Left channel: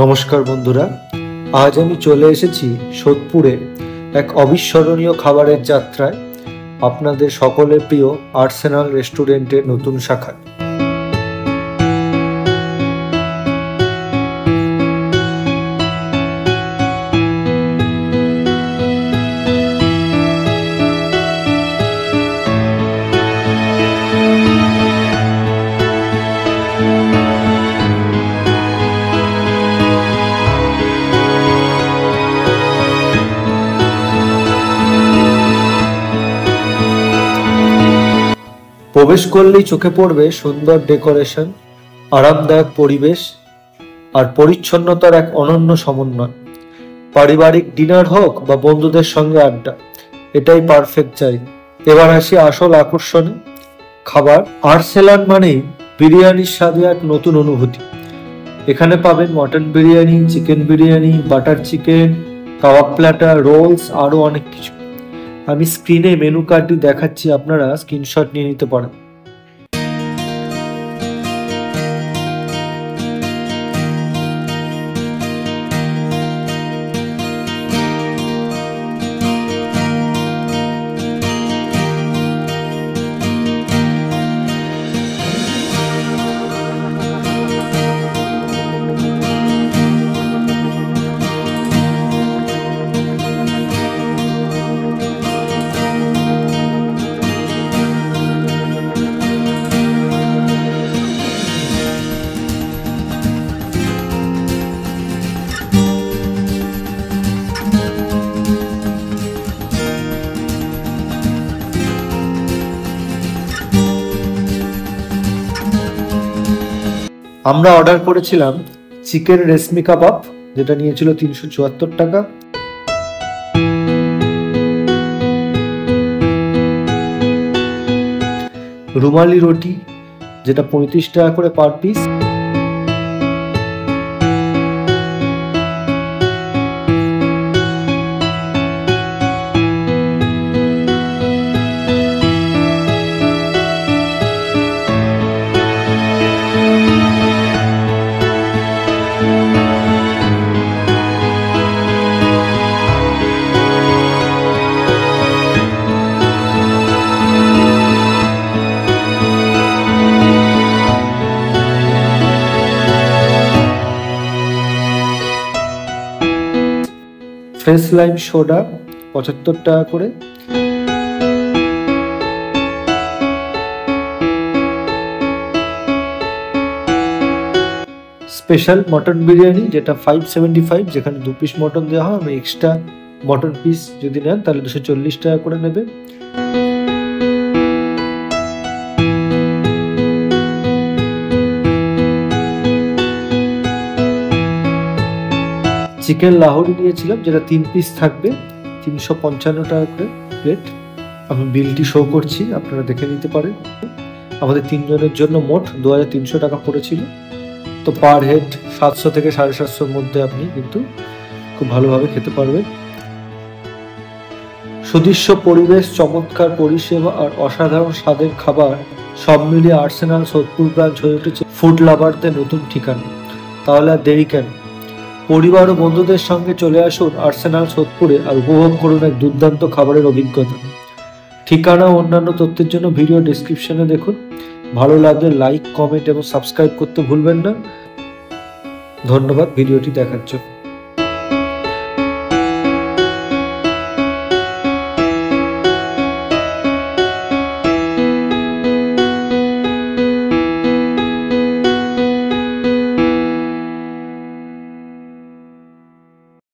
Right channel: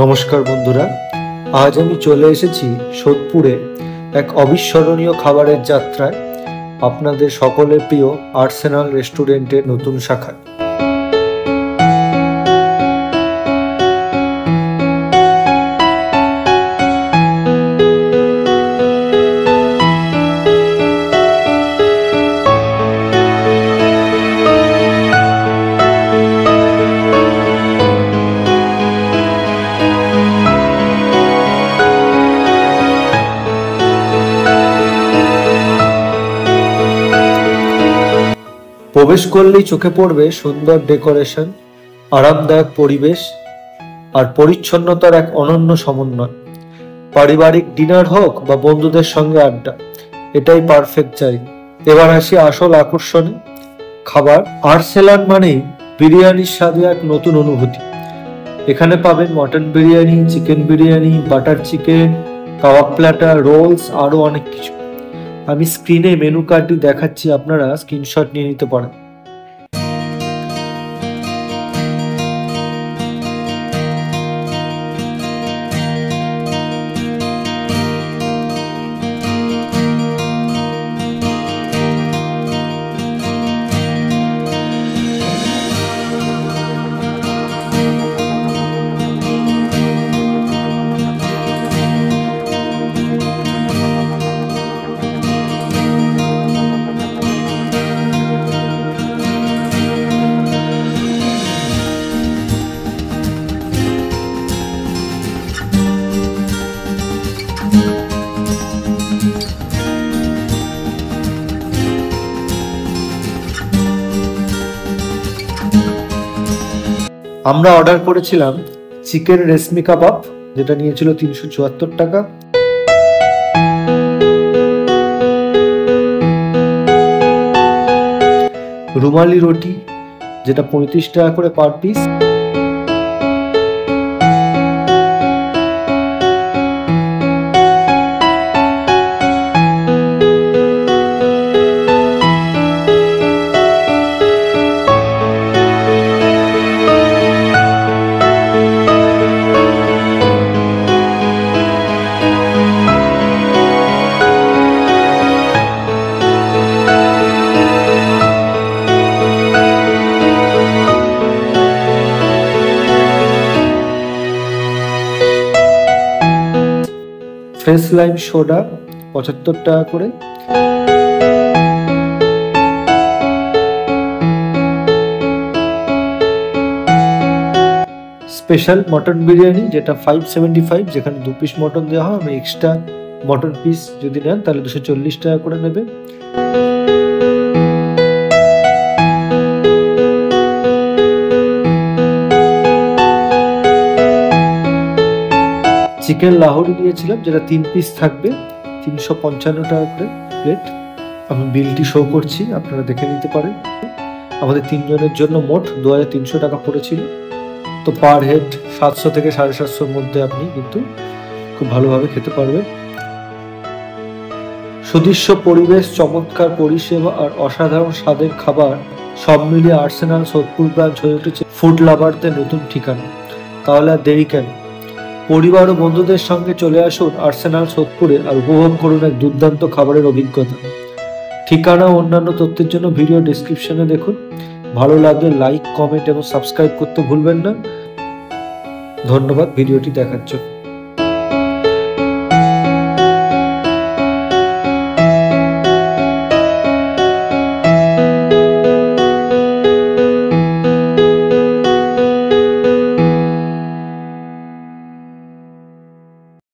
নমস্কার বন্ধুরা, আজ আমি চলে এসেছি সোদপুরে এক অবিস্মরণীয় খাবারের যাত্রায়, আপনাদের সকলের প্রিয় আর্সেনাল রেস্টুরেন্টের নতুন শাখায়। প্রবেশ করলেই চোখে পড়বে সুন্দর ডেকোরেশন, আরামদায়ক পরিবেশ আর পরিচ্ছন্নতার এক অনন্য সমন্বয়। পারিবারিক ডিনার হোক বা বন্ধুদের সঙ্গে আড্ডা, এটাই পারফেক্ট জায়গা। এবার আসি আসল আকর্ষণে, খাবার। আর্সেনাল মানেই বিরিয়ানির স্বাদে এক নতুন অনুভূতি। এখানে পাবেন mutton biryani, chicken biryani, butter chicken, kebab platter, rolls, আরো অনেক কিছু। আমি স্ক্রিনে মেনু কার্ডটি দেখাচ্ছি, আপনারা স্ক্রিনশট নিয়ে নিতে পারেন। আমরা অর্ডার করেছিলাম চিকেন রেশমি কাবাব, যেটা নিয়েছিল 374 টাকা। রুমালি রুটি, যেটা 35 টাকা করে per piece. Fresh lime soda 75 টাকা করে। স্পেশাল মটন বিরিয়ানি, যেটা 575, যেখানে 2 পিস মটন দেওয়া হয়। আমি এক্সট্রা মটন পিস যদি নেন তাহলে 240 টাকা করে নেবে। চিকেন লাহোরি নিয়েছিলাম, যেটা 3 পিস থাকবে, 355 টাকা করে প্লেট। আমি বিলটি শো করছি, আপনারা দেখে নিতে পারেন। আমাদের 3 জনের জন্য মোট 2300 টাকা পড়েছিল। তো পার হেড 700 থেকে 750 মধ্যে আপনি কিন্তু খুব ভালোভাবে খেতে পারবেন। সুদৃশ্য পরিবেশ, চমৎকার পরিষেবা আর অসাধারণ স্বাদের খাবার সব মিলিয়ে আর্সেনাল সোদপুর ব্রাঞ্চ হয়ে উঠেছে ফুড লাভারদের নতুন ঠিকানা। তাহলে আর দেরি কেন? পরিবার ও বন্ধুদের সঙ্গে চলে আসুন আর্সেনাল সোদপুরে আর উপভোগ করুন এক দুর্দান্ত খাবারের অভিজ্ঞতা। ঠিকানা ও অন্যান্য তথ্যের জন্য ভিডিও ডেসক্রিপশনে দেখুন। ভালো লাগলে লাইক, কমেন্ট এবং সাবস্ক্রাইব করতে ভুলবেন না। ধন্যবাদ ভিডিওটি দেখার জন্য।